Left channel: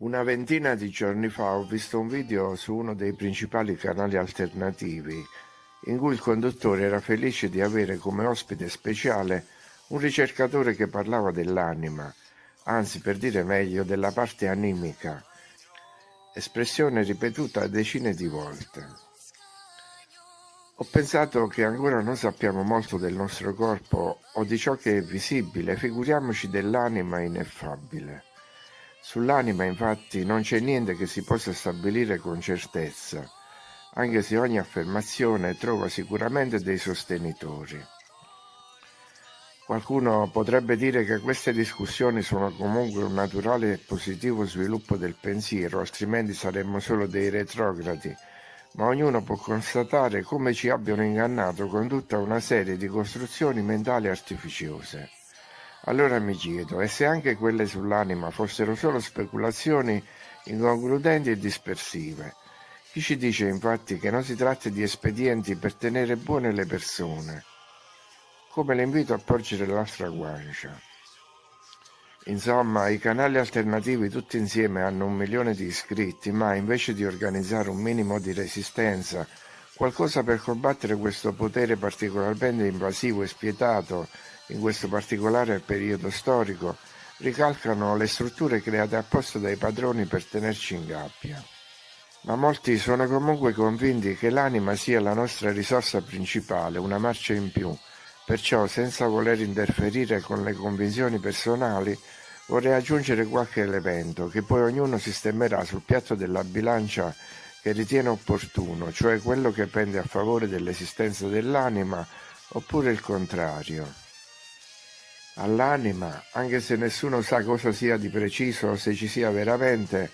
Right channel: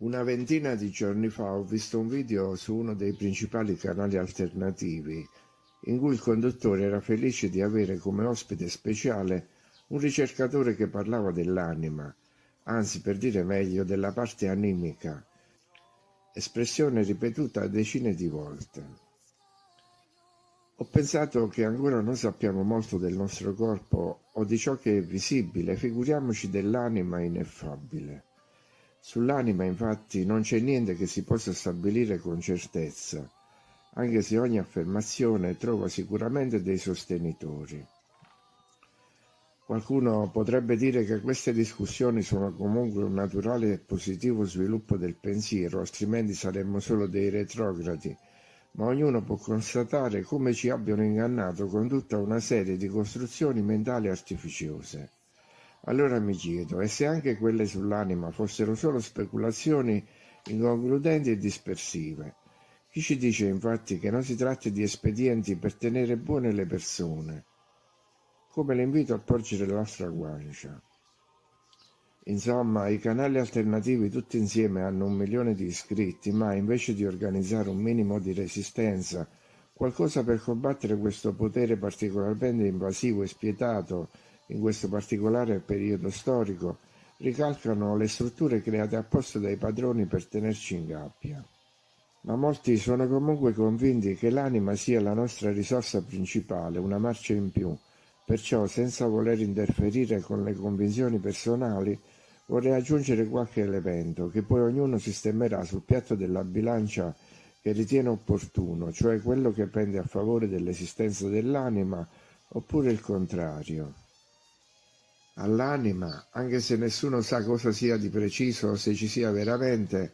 Una ventina di giorni fa ho visto un video su uno dei principali canali alternativi, in cui il conduttore era felice di avere come ospite speciale un ricercatore che parlava dell'anima, anzi per dire meglio della parte animica, espressione ripetuta decine di volte. Ho pensato che ancora non sappiamo molto del nostro corpo o di ciò che è visibile, figuriamoci dell'anima ineffabile. Sull'anima, infatti, non c'è niente che si possa stabilire con certezza, anche se ogni affermazione trova sicuramente dei sostenitori. Qualcuno potrebbe dire che queste discussioni sono comunque un naturale e positivo sviluppo del pensiero, altrimenti saremmo solo dei retrogradi, ma ognuno può constatare come ci abbiano ingannato con tutta una serie di costruzioni mentali artificiose. Allora mi chiedo, e se anche quelle sull'anima fossero solo speculazioni inconcludenti e dispersive? Chi ci dice infatti che non si tratta di espedienti per tenere buone le persone? Come l'invito a porgere la nostra guancia. Insomma, i canali alternativi tutti insieme hanno 1 milione di iscritti, ma invece di organizzare un minimo di resistenza, qualcosa per combattere questo potere particolarmente invasivo e spietato in questo particolare periodo storico, ricalcano le strutture create apposta dai padroni per tenerci in gabbia. Ma molti sono comunque convinti che l'anima sia la nostra risorsa principale, una marcia in più. Perciò, senza voler interferire con le convinzioni personali, vorrei aggiungere qualche elemento che poi ognuno sistemerà sul piatto della bilancia che ritiene opportuno, cioè quello che pende a favore dell'esistenza dell'anima oppure il contrario. All'anima, anche se nessuno sa cosa sia di preciso o se ci sia veramente,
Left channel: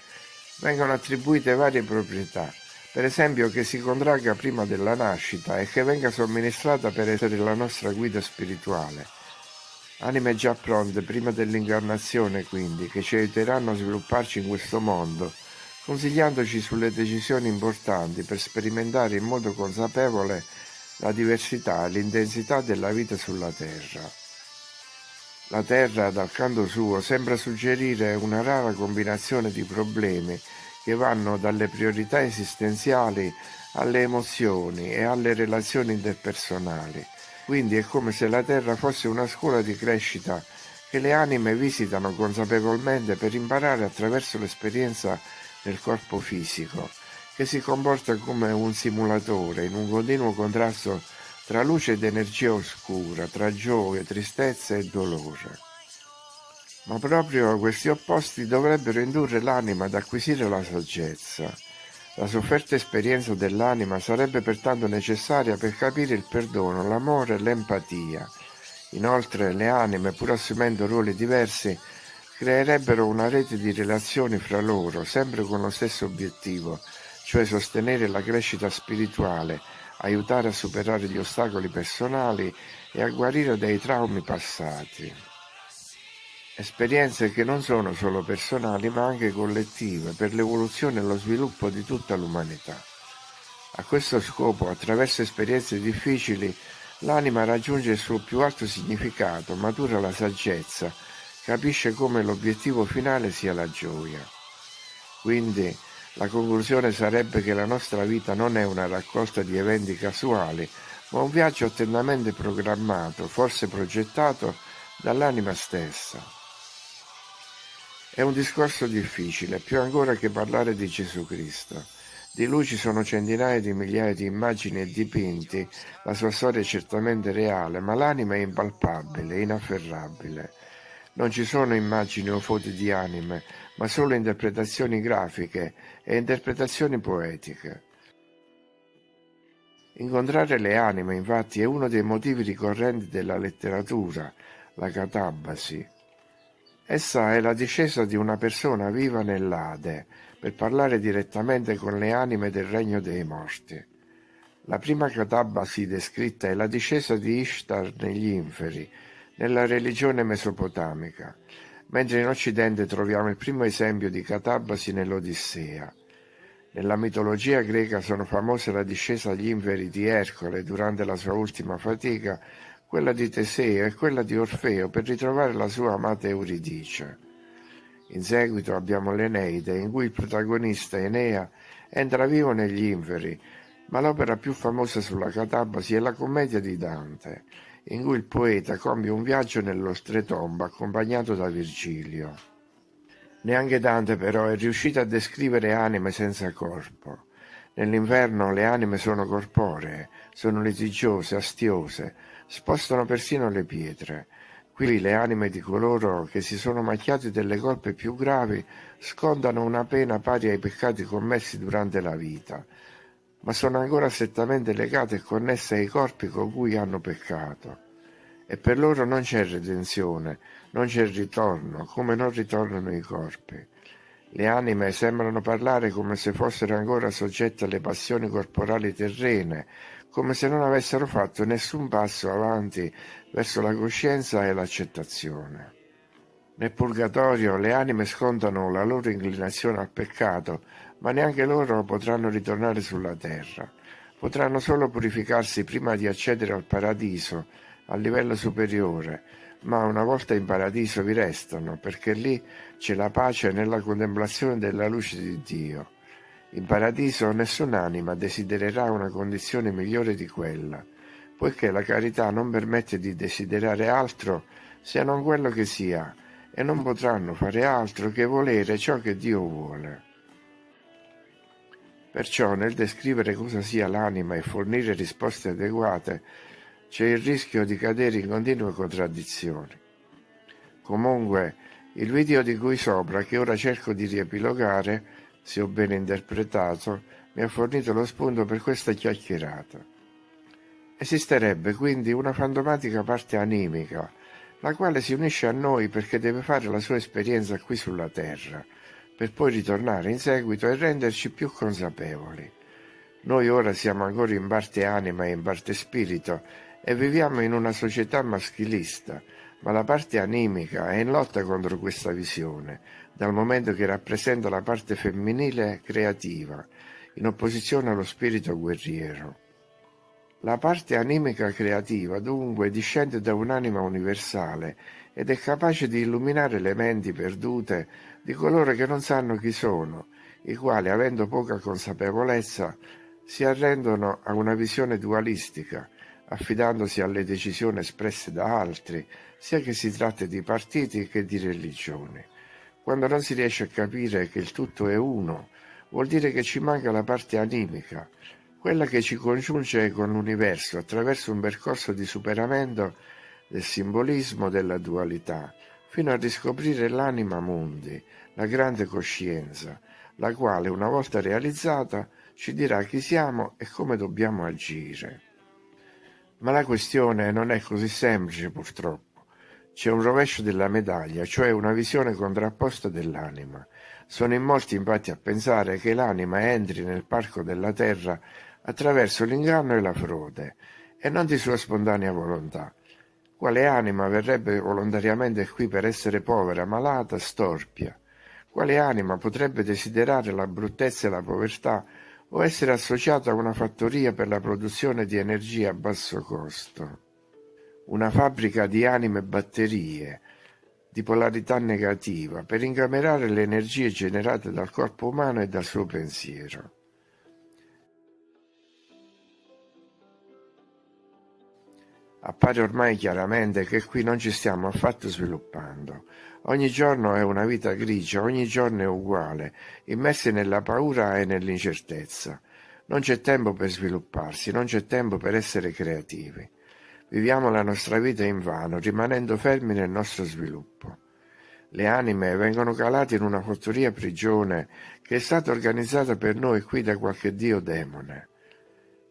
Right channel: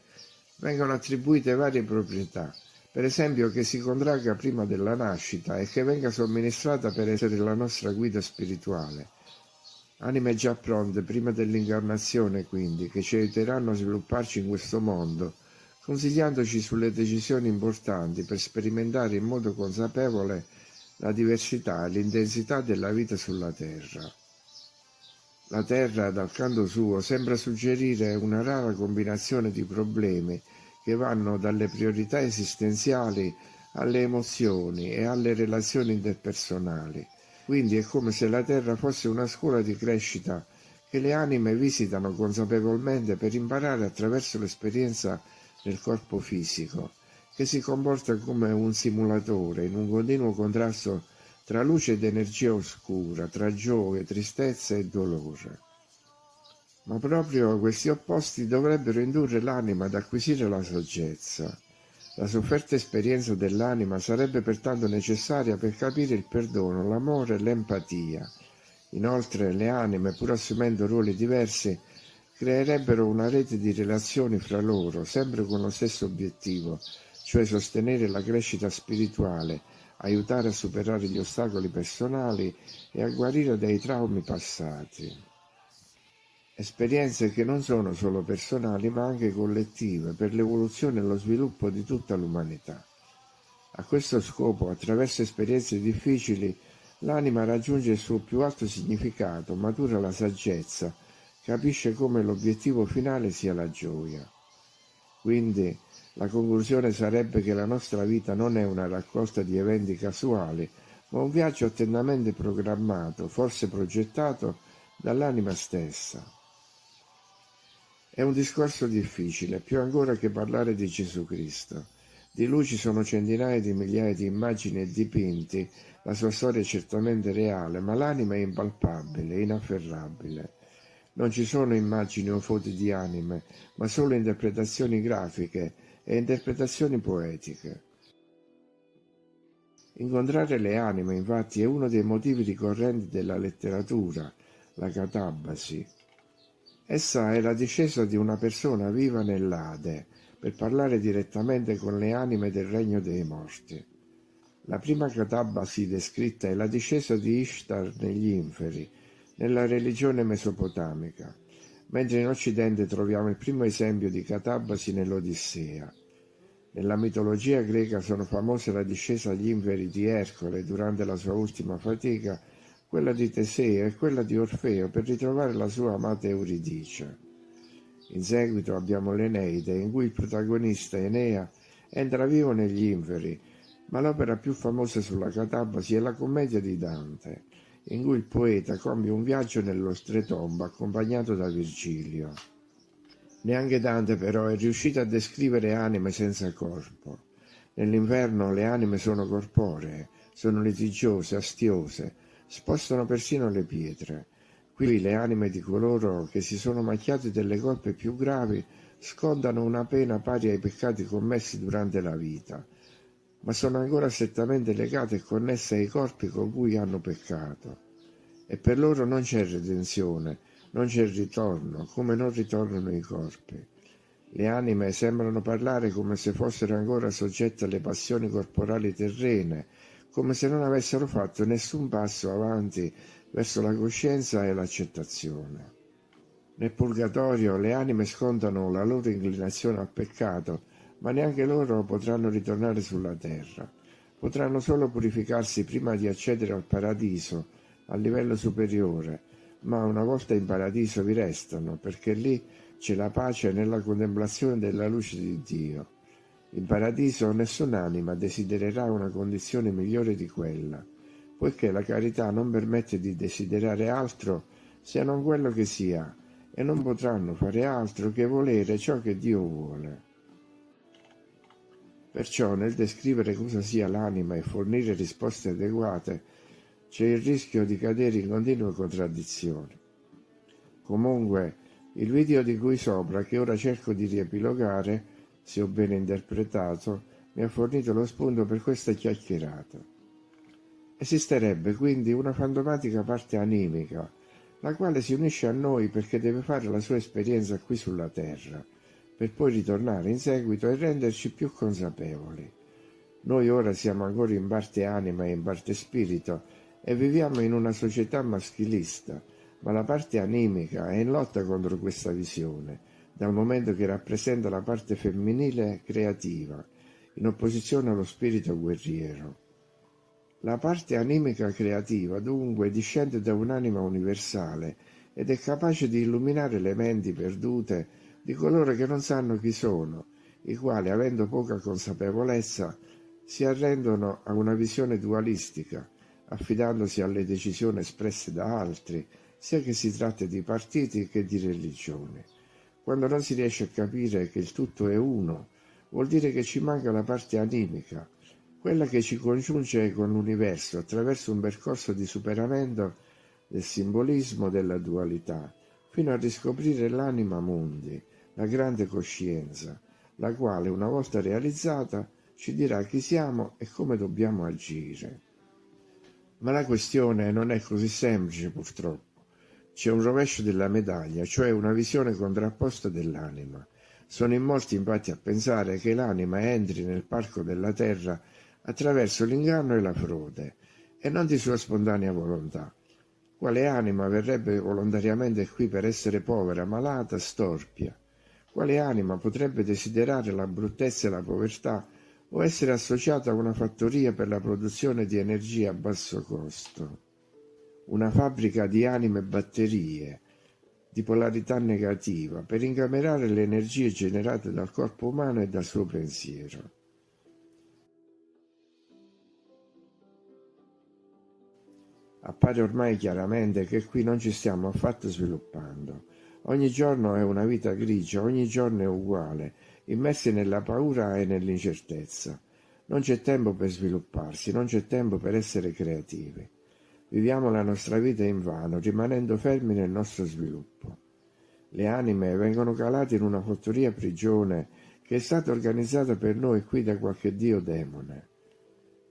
vengono attribuite varie proprietà. Per esempio che si contragga prima della nascita e che venga somministrata per essere la nostra guida spirituale. Anime già pronte prima dell'incarnazione, quindi, che ci aiuteranno a svilupparci in questo mondo, consigliandoci sulle decisioni importanti per sperimentare in modo consapevole la diversità e l'intensità della vita sulla Terra. La Terra, dal canto suo, sembra suggerire una rara combinazione di problemi che vanno dalle priorità esistenziali alle emozioni e alle relazioni interpersonali. Quindi è come se la Terra fosse una scuola di crescita che le anime visitano consapevolmente per imparare attraverso l'esperienza del corpo fisico, che si comporta come un simulatore in un continuo contrasto tra luce ed energia oscura, tra gioia, tristezza e dolore. Ma proprio questi opposti dovrebbero indurre l'anima ad acquisire la saggezza. La sofferta esperienza dell'anima sarebbe pertanto necessaria per capire il perdono, l'amore e l'empatia. Inoltre le anime, pur assumendo ruoli diversi, creerebbero una rete di relazioni fra loro, sempre con lo stesso obiettivo, cioè sostenere la crescita spirituale, aiutare a superare gli ostacoli personali e a guarire dai traumi passati. Esperienze che non sono solo personali ma anche collettive per l'evoluzione e lo sviluppo di tutta l'umanità. A questo scopo, attraverso esperienze difficili, l'anima raggiunge il suo più alto significato, matura la saggezza, capisce come l'obiettivo finale sia la gioia. Quindi la conclusione sarebbe che la nostra vita non è una raccolta di eventi casuali, ma un viaggio attentamente programmato, forse progettato dall'anima stessa. È un discorso difficile, più ancora che parlare di Gesù Cristo. Di lui ci sono centinaia di migliaia di immagini e dipinti, la sua storia è certamente reale, ma l'anima è impalpabile, inafferrabile. Non ci sono immagini o foto di anime, ma solo interpretazioni grafiche e interpretazioni poetiche. Incontrare le anime, infatti, è uno dei motivi ricorrenti della letteratura, la catabasi. Essa è la discesa di una persona viva nell'Ade per parlare direttamente con le anime del regno dei morti. La prima catabasi descritta è la discesa di Ishtar negli inferi, nella religione mesopotamica, mentre in Occidente troviamo il primo esempio di catabasi nell'Odissea. Nella mitologia greca sono famose la discesa agli inferi di Ercole durante la sua ultima fatica, quella di Teseo e quella di Orfeo per ritrovare la sua amata Euridice. In seguito abbiamo l'Eneide, in cui il protagonista Enea entra vivo negli inferi, ma l'opera più famosa sulla catabasi è la commedia di Dante, in cui il poeta compie un viaggio nell'oltretomba accompagnato da Virgilio. Neanche Dante però è riuscito a descrivere anime senza corpo. Nell'inferno le anime sono corporee, sono litigiose, astiose, spostano persino le pietre. Qui le anime di coloro che si sono macchiati delle colpe più gravi scontano una pena pari ai peccati commessi durante la vita, ma sono ancora strettamente legate e connesse ai corpi con cui hanno peccato. E per loro non c'è redenzione, non c'è ritorno, come non ritornano i corpi. Le anime sembrano parlare come se fossero ancora soggette alle passioni corporali terrene, come se non avessero fatto nessun passo avanti verso la coscienza e l'accettazione. Nel purgatorio le anime scontano la loro inclinazione al peccato, ma neanche loro potranno ritornare sulla terra. Potranno solo purificarsi prima di accedere al paradiso, al livello superiore, ma una volta in paradiso vi restano, perché lì c'è la pace nella contemplazione della luce di Dio. In paradiso nessun'anima desidererà una condizione migliore di quella, poiché la carità non permette di desiderare altro se non quello che si ha, e non potranno fare altro che volere ciò che Dio vuole. Perciò nel descrivere cosa sia l'anima e fornire risposte adeguate c'è il rischio di cadere in continue contraddizioni. Comunque, il video di cui sopra, che ora cerco di riepilogare, se ho ben interpretato, mi ha fornito lo spunto per questa chiacchierata. Esisterebbe quindi una fantomatica parte animica, la quale si unisce a noi perché deve fare la sua esperienza qui sulla Terra, per poi ritornare in seguito e renderci più consapevoli. Noi ora siamo ancora in parte anima e in parte spirito e viviamo in una società maschilista, ma la parte animica è in lotta contro questa visione, dal momento che rappresenta la parte femminile creativa, in opposizione allo spirito guerriero. La parte animica creativa, dunque, discende da un'anima universale ed è capace di illuminare le menti perdute di coloro che non sanno chi sono, i quali, avendo poca consapevolezza, si arrendono a una visione dualistica, affidandosi alle decisioni espresse da altri, sia che si tratti di partiti che di religioni. Quando non si riesce a capire che il tutto è uno, vuol dire che ci manca la parte animica, quella che ci congiunge con l'universo attraverso un percorso di superamento del simbolismo della dualità, fino a riscoprire l'anima mundi, la grande coscienza, la quale, una volta realizzata, ci dirà chi siamo e come dobbiamo agire. Ma la questione non è così semplice, purtroppo. C'è un rovescio della medaglia, cioè una visione contrapposta dell'anima. Sono in molti infatti a pensare che l'anima entri nel parco della terra attraverso l'inganno e la frode, e non di sua spontanea volontà. Quale anima verrebbe volontariamente qui per essere povera, malata, storpia? Quale anima potrebbe desiderare la bruttezza e la povertà o essere associata a una fattoria per la produzione di energia a basso costo? Una fabbrica di anime e batterie, di polarità negativa, per incamerare le energie generate dal corpo umano e dal suo pensiero. Appare ormai chiaramente che qui non ci stiamo affatto sviluppando. Ogni giorno è una vita grigia, ogni giorno è uguale, immersi nella paura e nell'incertezza. Non c'è tempo per svilupparsi, non c'è tempo per essere creativi. Viviamo la nostra vita invano, rimanendo fermi nel nostro sviluppo. Le anime vengono calate in una fattoria prigione che è stata organizzata per noi qui da qualche dio demone.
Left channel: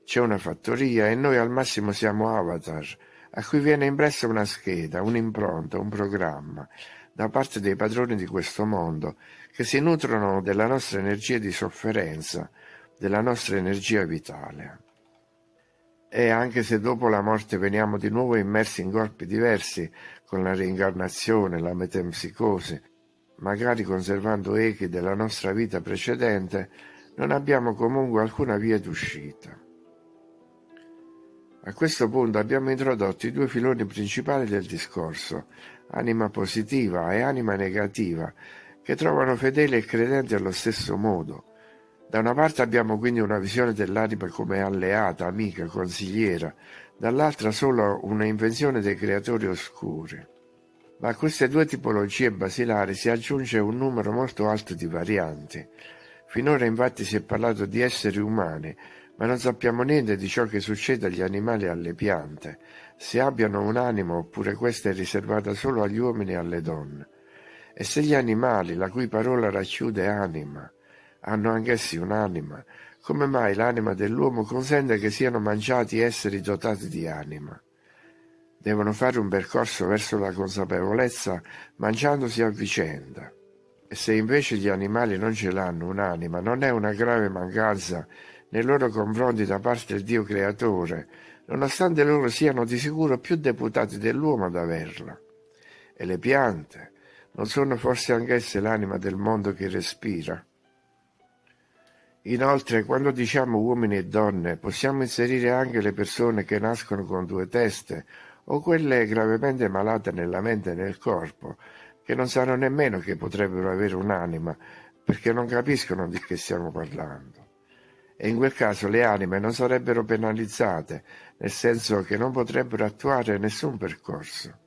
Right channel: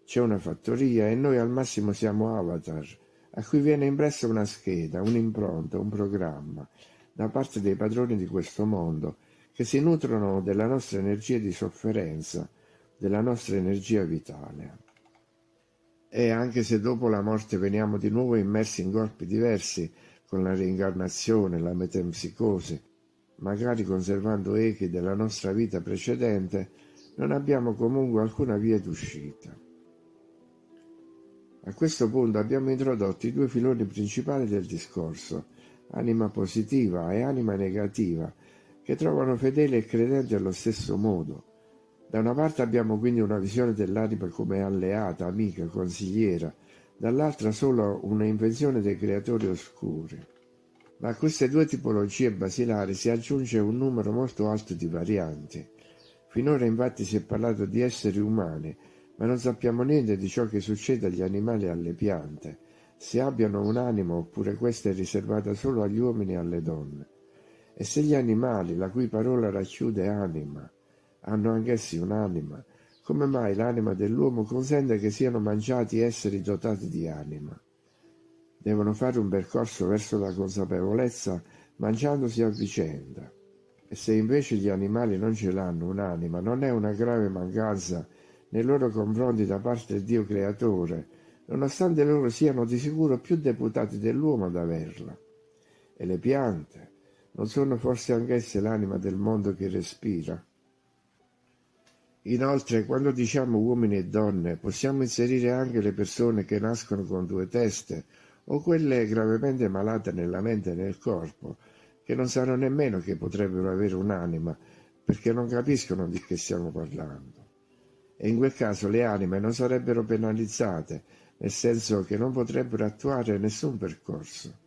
C'è una fattoria e noi al massimo siamo avatar, a cui viene impressa una scheda, un'impronta, un programma, da parte dei padroni di questo mondo, che si nutrono della nostra energia di sofferenza, della nostra energia vitale. E anche se dopo la morte veniamo di nuovo immersi in corpi diversi, con la reincarnazione, la metempsicosi, magari conservando echi della nostra vita precedente, non abbiamo comunque alcuna via d'uscita. A questo punto abbiamo introdotto i due filoni principali del discorso, anima positiva e anima negativa, che trovano fedeli e credenti allo stesso modo. Da una parte abbiamo quindi una visione dell'anima come alleata, amica, consigliera, dall'altra solo una invenzione dei creatori oscuri. Ma a queste due tipologie basilari si aggiunge un numero molto alto di varianti. Finora infatti si è parlato di esseri umani, ma non sappiamo niente di ciò che succede agli animali e alle piante, se abbiano un'anima oppure questa è riservata solo agli uomini e alle donne. E se gli animali, la cui parola racchiude anima, hanno anch'essi un'anima, come mai l'anima dell'uomo consente che siano mangiati esseri dotati di anima? Devono fare un percorso verso la consapevolezza mangiandosi a vicenda. E se invece gli animali non ce l'hanno un'anima, non è una grave mancanza nei loro confronti da parte del Dio creatore, nonostante loro siano di sicuro più deputati dell'uomo ad averla. E le piante, non sono forse anch'esse l'anima del mondo che respira? Inoltre, quando diciamo uomini e donne, possiamo inserire anche le persone che nascono con due teste o quelle gravemente malate nella mente e nel corpo, che non sanno nemmeno che potrebbero avere un'anima, perché non capiscono di che stiamo parlando. E in quel caso le anime non sarebbero penalizzate, nel senso che non potrebbero attuare nessun percorso.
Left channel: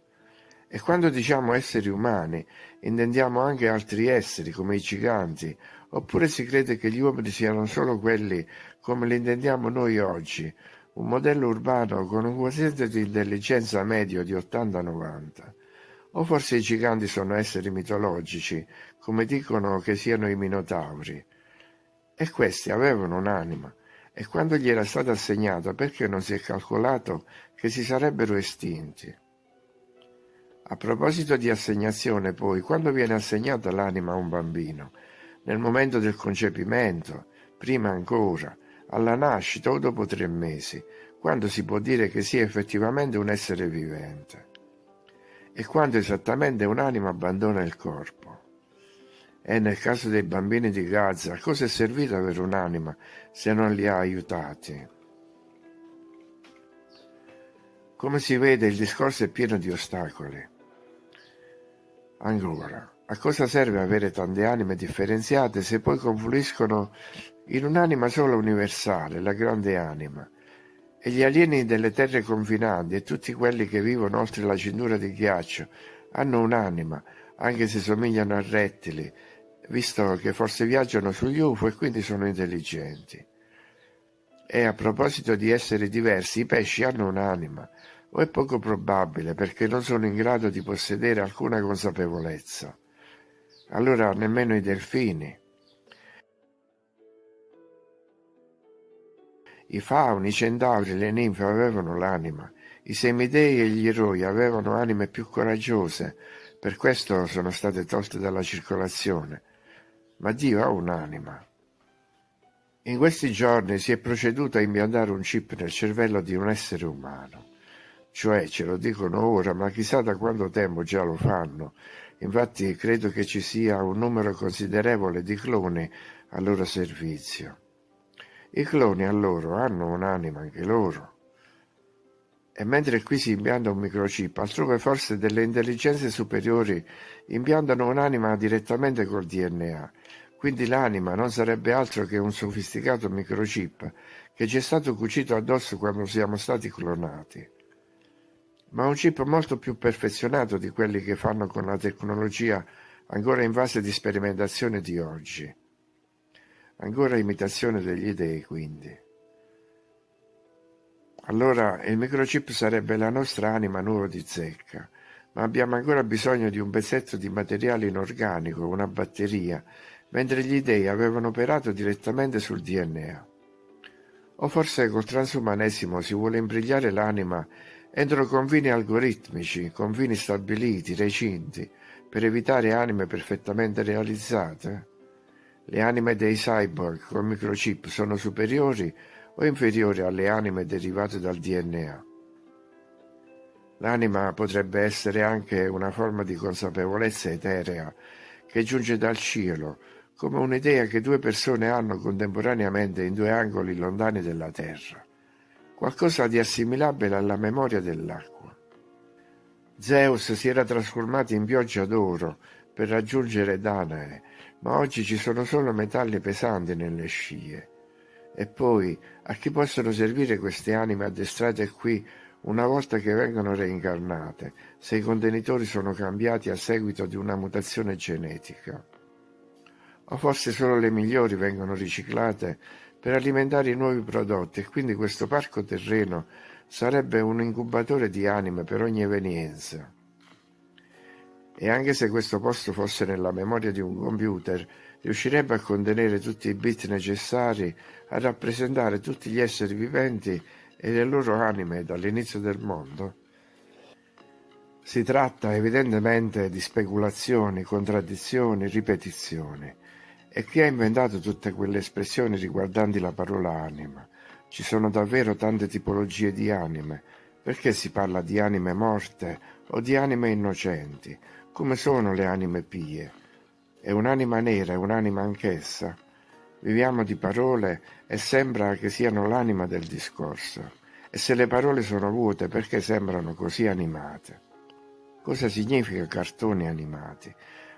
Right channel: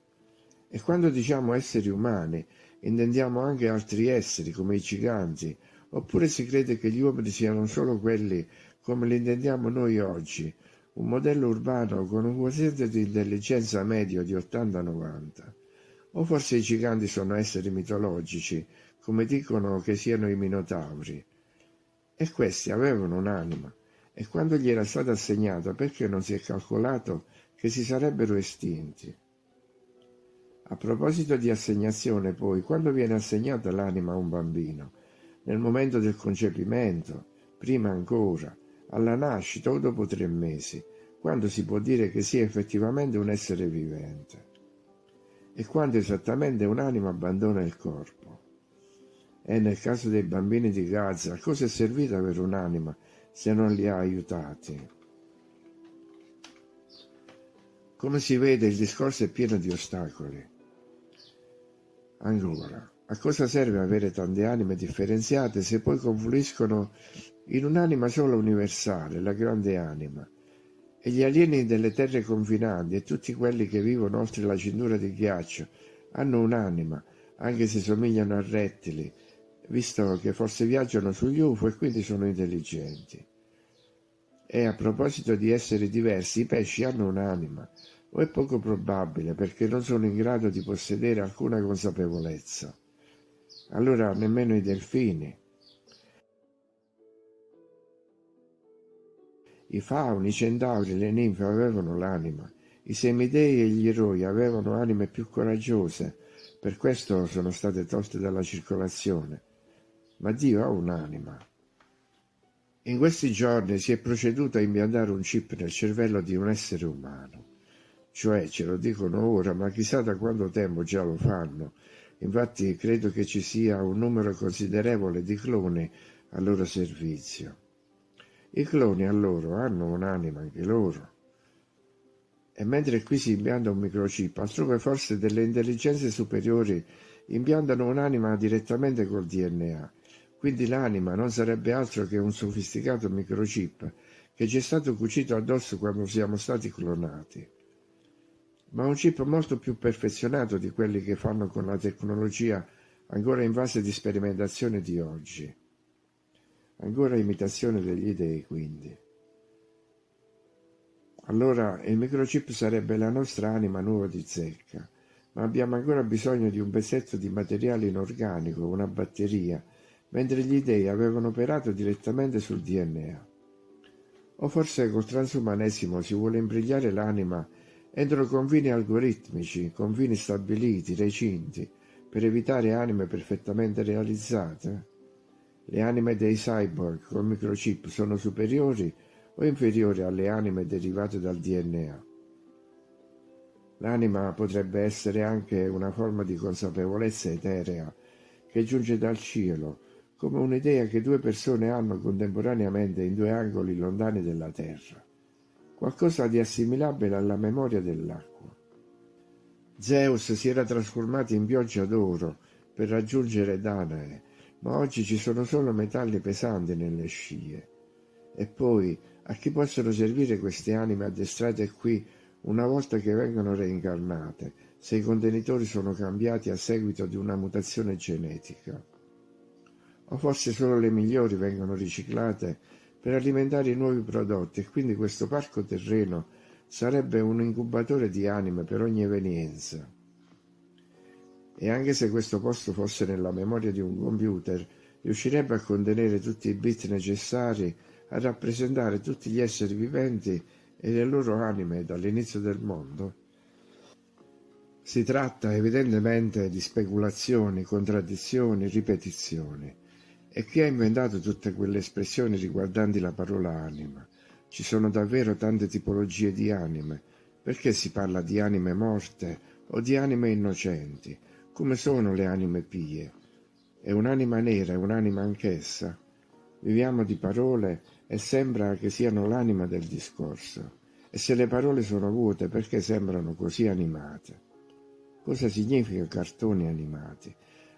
E quando diciamo esseri umani, intendiamo anche altri esseri, come i giganti, oppure si crede che gli uomini siano solo quelli come li intendiamo noi oggi, un modello urbano con un quoziente di intelligenza medio di 80-90. O forse i giganti sono esseri mitologici, come dicono che siano i minotauri. E questi avevano un'anima, e quando gli era stata assegnata, perché non si è calcolato che si sarebbero estinti? A proposito di assegnazione, poi, quando viene assegnata l'anima a un bambino? Nel momento del concepimento, prima ancora, alla nascita o dopo 3 mesi, quando si può dire che sia effettivamente un essere vivente? E quando esattamente un'anima abbandona il corpo? E nel caso dei bambini di Gaza, a cosa è servito avere un'anima se non li ha aiutati? Come si vede, il discorso è pieno di ostacoli. Ancora, a cosa serve avere tante anime differenziate se poi confluiscono in un'anima sola universale, la grande anima? E gli alieni delle terre confinanti e tutti quelli che vivono oltre la cintura di ghiaccio hanno un'anima, anche se somigliano a rettili, visto che forse viaggiano sugli UFO e quindi sono intelligenti. E a proposito di esseri diversi, i pesci hanno un'anima, o è poco probabile perché non sono in grado di possedere alcuna consapevolezza. Allora nemmeno i delfini, i fauni, i centauri, le ninfe avevano l'anima, i semidei e gli eroi avevano anime più coraggiose, per questo sono state tolte dalla circolazione. Ma Dio ha un'anima. In questi giorni si è proceduto a impiantare un chip nel cervello di un essere umano. Cioè, ce lo dicono ora, ma chissà da quanto tempo già lo fanno. Infatti credo che ci sia un numero considerevole di cloni a loro servizio. I cloni a loro hanno un'anima anche loro. E mentre qui si impianta un microchip, altrove forse delle intelligenze superiori impiantano un'anima direttamente col DNA. Quindi l'anima non sarebbe altro che un sofisticato microchip che ci è stato cucito addosso quando siamo stati clonati. Ma un chip molto più perfezionato di quelli che fanno con la tecnologia ancora in fase di sperimentazione di oggi. Ancora imitazione degli dei, quindi. Allora il microchip sarebbe la nostra anima nuova di zecca, ma abbiamo ancora bisogno di un pezzetto di materiale inorganico, una batteria, mentre gli dei avevano operato direttamente sul DNA. O forse col transumanesimo si vuole imbrigliare l'anima entro confini algoritmici, confini stabiliti, recinti, per evitare anime perfettamente realizzate? Le anime dei cyborg con microchip sono superiori o inferiori alle anime derivate dal DNA? L'anima potrebbe essere anche una forma di consapevolezza eterea che giunge dal cielo, come un'idea che 2 persone hanno contemporaneamente in 2 angoli lontani della Terra. Qualcosa di assimilabile alla memoria dell'acqua. Zeus si era trasformato in pioggia d'oro per raggiungere Danae, ma oggi ci sono solo metalli pesanti nelle scie. E poi, a chi possono servire queste anime addestrate qui una volta che vengono reincarnate, se i contenitori sono cambiati a seguito di una mutazione genetica? O forse solo le migliori vengono riciclate per alimentare i nuovi prodotti e quindi questo parco terreno sarebbe un incubatore di anime per ogni evenienza. E anche se questo posto fosse nella memoria di un computer, riuscirebbe a contenere tutti i bit necessari a rappresentare tutti gli esseri viventi e le loro anime dall'inizio del mondo? Si tratta evidentemente di speculazioni, contraddizioni, ripetizioni. E chi ha inventato tutte quelle espressioni riguardanti la parola anima? Ci sono davvero tante tipologie di anime. Perché si parla di anime morte o di anime innocenti? Come sono le anime pie? È un'anima nera, è un'anima anch'essa? Viviamo di parole e sembra che siano l'anima del discorso. E se le parole sono vuote, perché sembrano così animate? Cosa significa cartoni animati?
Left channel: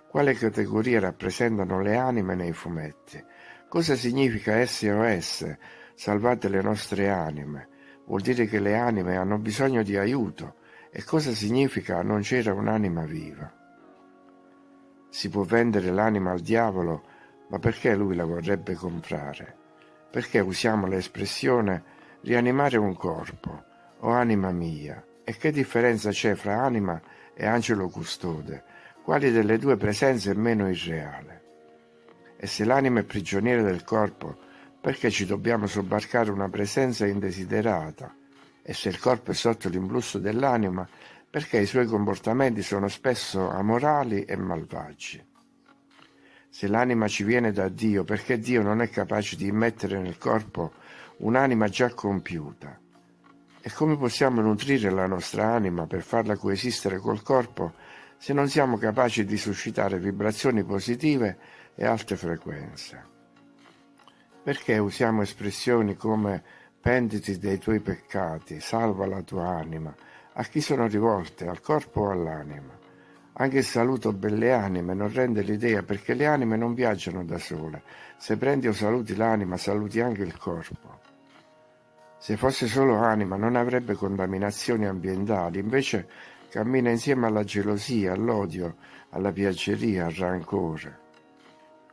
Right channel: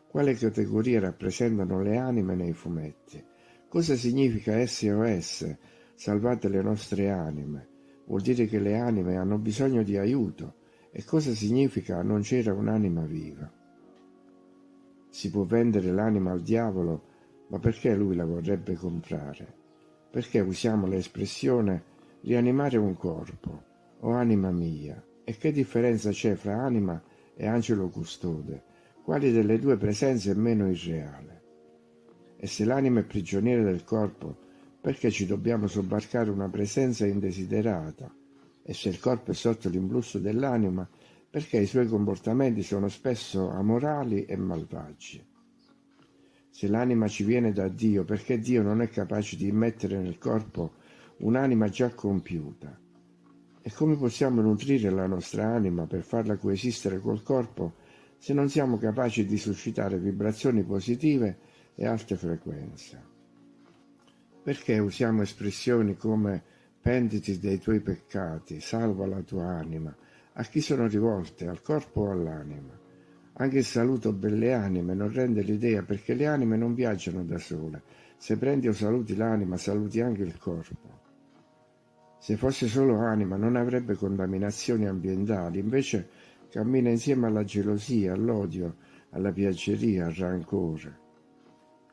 Quale categoria rappresentano le anime nei fumetti? Cosa significa SOS? Salvate le nostre anime. Vuol dire che le anime hanno bisogno di aiuto. E cosa significa non c'era un'anima viva? Si può vendere l'anima al diavolo, ma perché lui la vorrebbe comprare? Perché usiamo l'espressione rianimare un corpo o anima mia? E che differenza c'è fra anima e angelo custode? Quali delle due presenze è meno irreale? E se l'anima è prigioniera del corpo, perché ci dobbiamo sobbarcare una presenza indesiderata? E se il corpo è sotto l'impulso dell'anima, perché i suoi comportamenti sono spesso amorali e malvagi? Se l'anima ci viene da Dio, perché Dio non è capace di immettere nel corpo un'anima già compiuta? E come possiamo nutrire la nostra anima per farla coesistere col corpo se non siamo capaci di suscitare vibrazioni positive e alte frequenze? Perché usiamo espressioni come pentiti dei tuoi peccati, salva la tua anima? A chi sono rivolte, al corpo o all'anima? Anche il saluto belle anime non rende l'idea, perché le anime non viaggiano da sole. Se prendi o saluti l'anima, saluti anche il corpo. Se fosse solo anima non avrebbe contaminazioni ambientali, invece cammina insieme alla gelosia, all'odio, alla piaggeria, al rancore.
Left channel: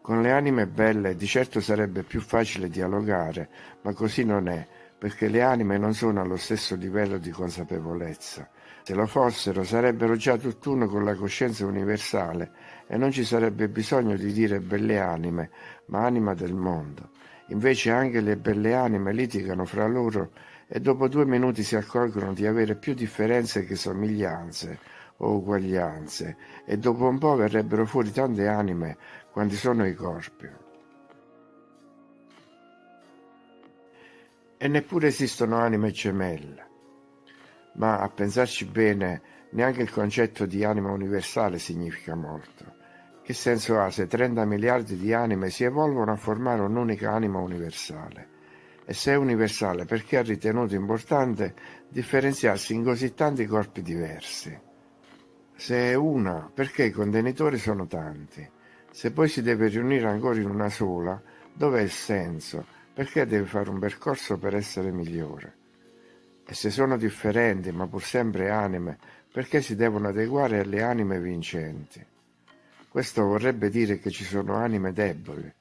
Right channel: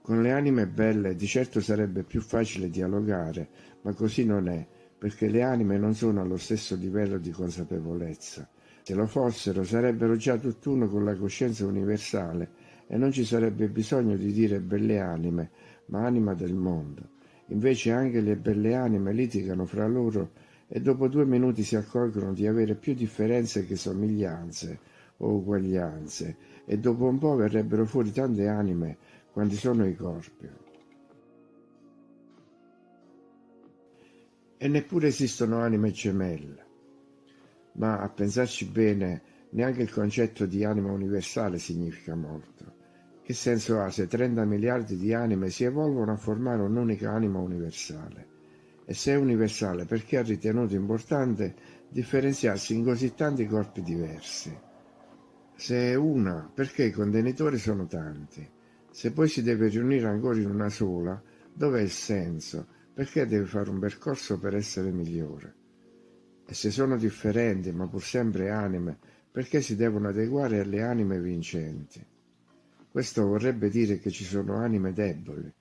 Con le anime belle di certo sarebbe più facile dialogare, ma così non è, perché le anime non sono allo stesso livello di consapevolezza. Se lo fossero sarebbero già tutt'uno con la coscienza universale e non ci sarebbe bisogno di dire belle anime, ma anima del mondo. Invece anche le belle anime litigano fra loro e dopo 2 minuti si accorgono di avere più differenze che somiglianze o uguaglianze, e dopo un po' verrebbero fuori tante anime quanti sono i corpi. E neppure esistono anime gemelle. Ma a pensarci bene, neanche il concetto di anima universale significa molto. Che senso ha se 30 miliardi di anime si evolvono a formare un'unica anima universale? E se è universale, perché ha ritenuto importante differenziarsi in così tanti corpi diversi? Se è una, perché i contenitori sono tanti? Se poi si deve riunire ancora in una sola, dov'è il senso? Perché deve fare un percorso per essere migliore? E se sono differenti, ma pur sempre anime, perché si devono adeguare alle anime vincenti? Questo vorrebbe dire che ci sono anime deboli,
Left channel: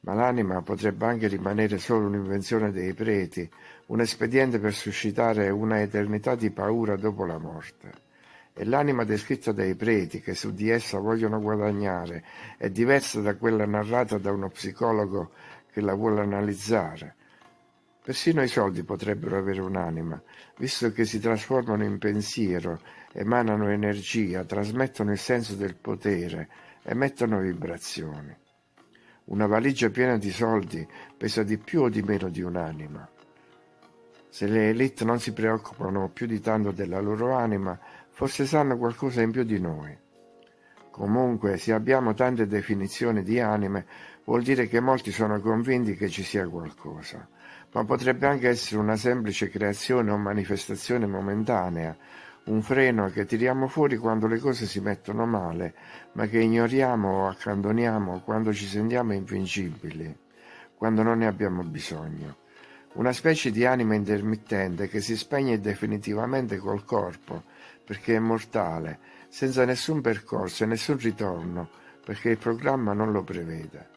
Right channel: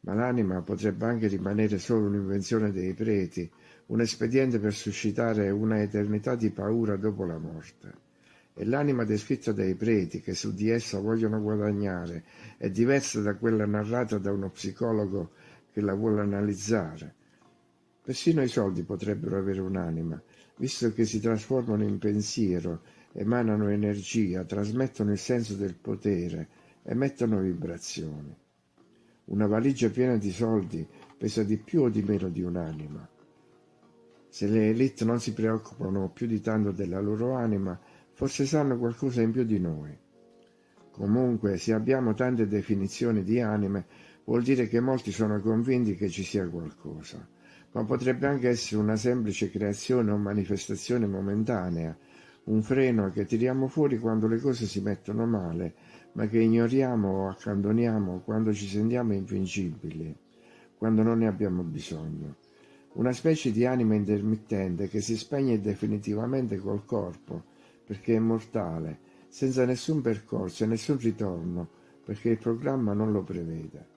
ma l'anima potrebbe anche rimanere solo un'invenzione dei preti, un espediente per suscitare una eternità di paura dopo la morte. E l'anima descritta dai preti, che su di essa vogliono guadagnare, è diversa da quella narrata da uno psicologo che la vuole analizzare. Persino i soldi potrebbero avere un'anima, visto che si trasformano in pensiero, emanano energia, trasmettono il senso del potere, emettono vibrazioni. Una valigia piena di soldi pesa di più o di meno di un'anima. Se le élite non si preoccupano più di tanto della loro anima, forse sanno qualcosa in più di noi. Comunque, se abbiamo tante definizioni di anime, vuol dire che molti sono convinti che ci sia qualcosa. Ma potrebbe anche essere una semplice creazione o manifestazione momentanea, un freno che tiriamo fuori quando le cose si mettono male, ma che ignoriamo o accantoniamo quando ci sentiamo invincibili, quando non ne abbiamo bisogno. Una specie di anima intermittente che si spegne definitivamente col corpo, perché è mortale, senza nessun percorso e nessun ritorno, perché il programma non lo prevede.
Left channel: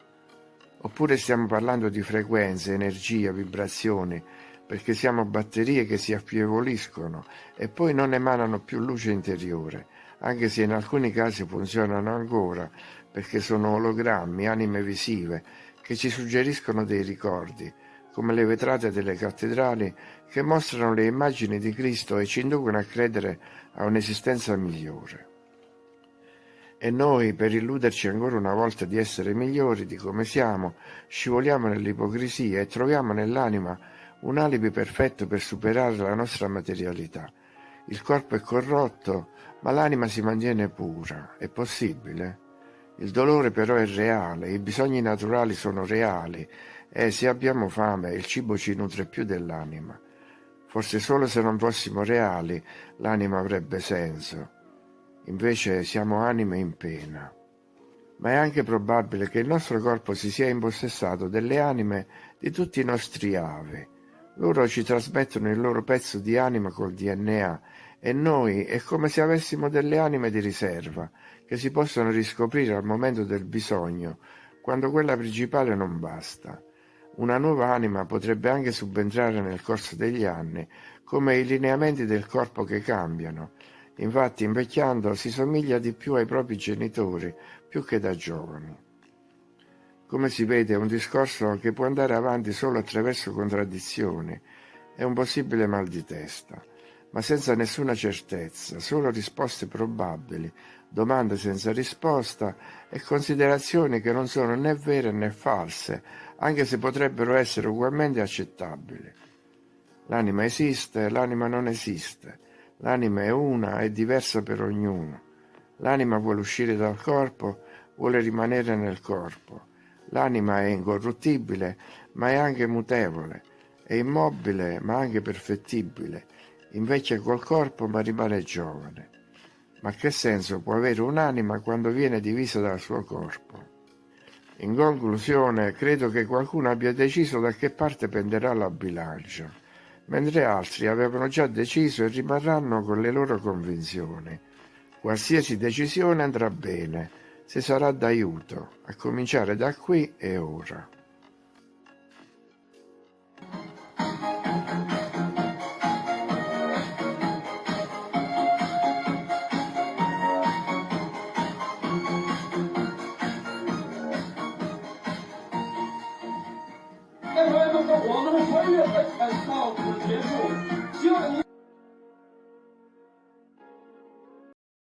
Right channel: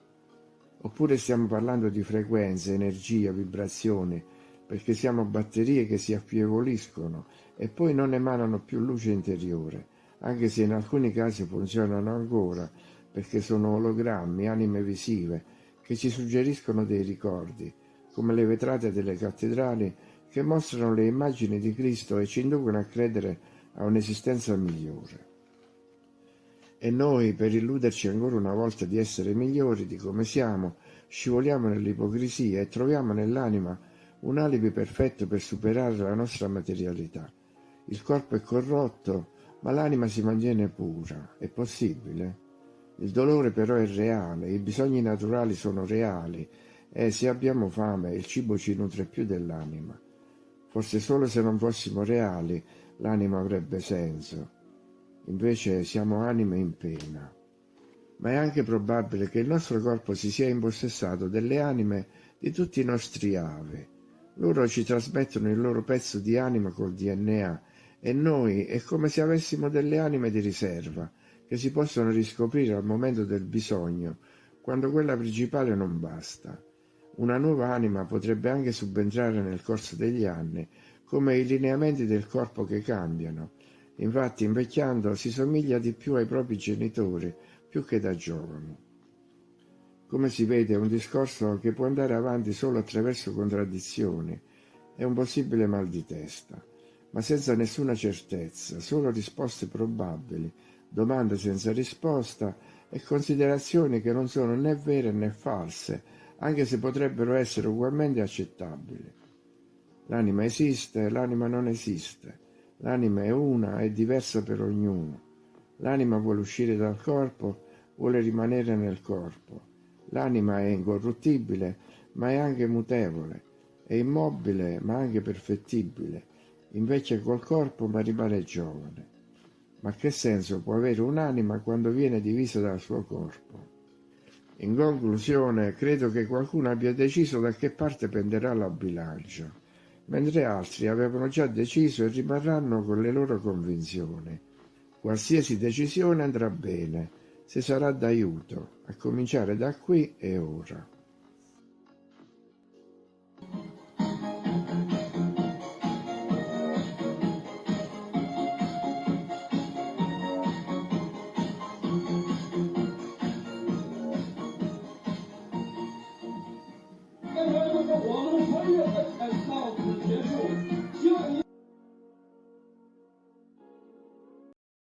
Oppure stiamo parlando di frequenze, energia, vibrazioni, perché siamo batterie che si affievoliscono e poi non emanano più luce interiore, anche se in alcuni casi funzionano ancora, perché sono ologrammi, anime visive, che ci suggeriscono dei ricordi, come le vetrate delle cattedrali che mostrano le immagini di Cristo e ci inducono a credere a un'esistenza migliore. E noi, per illuderci ancora una volta di essere migliori di come siamo, scivoliamo nell'ipocrisia e troviamo nell'anima un alibi perfetto per superare la nostra materialità. Il corpo è corrotto, ma l'anima si mantiene pura. È possibile? Il dolore però è reale, i bisogni naturali sono reali e se abbiamo fame il cibo ci nutre più dell'anima. Forse solo se non fossimo reali l'anima avrebbe senso. Invece siamo anime in pena. Ma è anche probabile che il nostro corpo si sia impossessato delle anime di tutti i nostri avi. Loro ci trasmettono il loro pezzo di anima col DNA e noi è come se avessimo delle anime di riserva che si possono riscoprire al momento del bisogno, quando quella principale non basta. Una nuova anima potrebbe anche subentrare nel corso degli anni, come i lineamenti del corpo che cambiano. Infatti, invecchiando si somiglia di più ai propri genitori, più che da giovani. Come si vede, è un discorso che può andare avanti solo attraverso contraddizioni. È un possibile mal di testa, ma senza nessuna certezza, solo risposte probabili, domande senza risposta e considerazioni che non sono né vere né false, anche se potrebbero essere ugualmente accettabili. L'anima esiste, l'anima non esiste. L'anima è una, è diversa per ognuno. L'anima vuole uscire dal corpo, vuole rimanere nel corpo. L'anima è incorruttibile, ma è anche mutevole. È immobile, ma anche perfettibile. Invecchia col corpo, ma rimane giovane. Ma che senso può avere un'anima quando viene divisa dal suo corpo? In conclusione, credo che qualcuno abbia deciso da che parte penderà la bilancia, mentre altri avevano già deciso e rimarranno con le loro convinzioni. Qualsiasi decisione andrà bene, se sarà d'aiuto, a cominciare da qui e ora.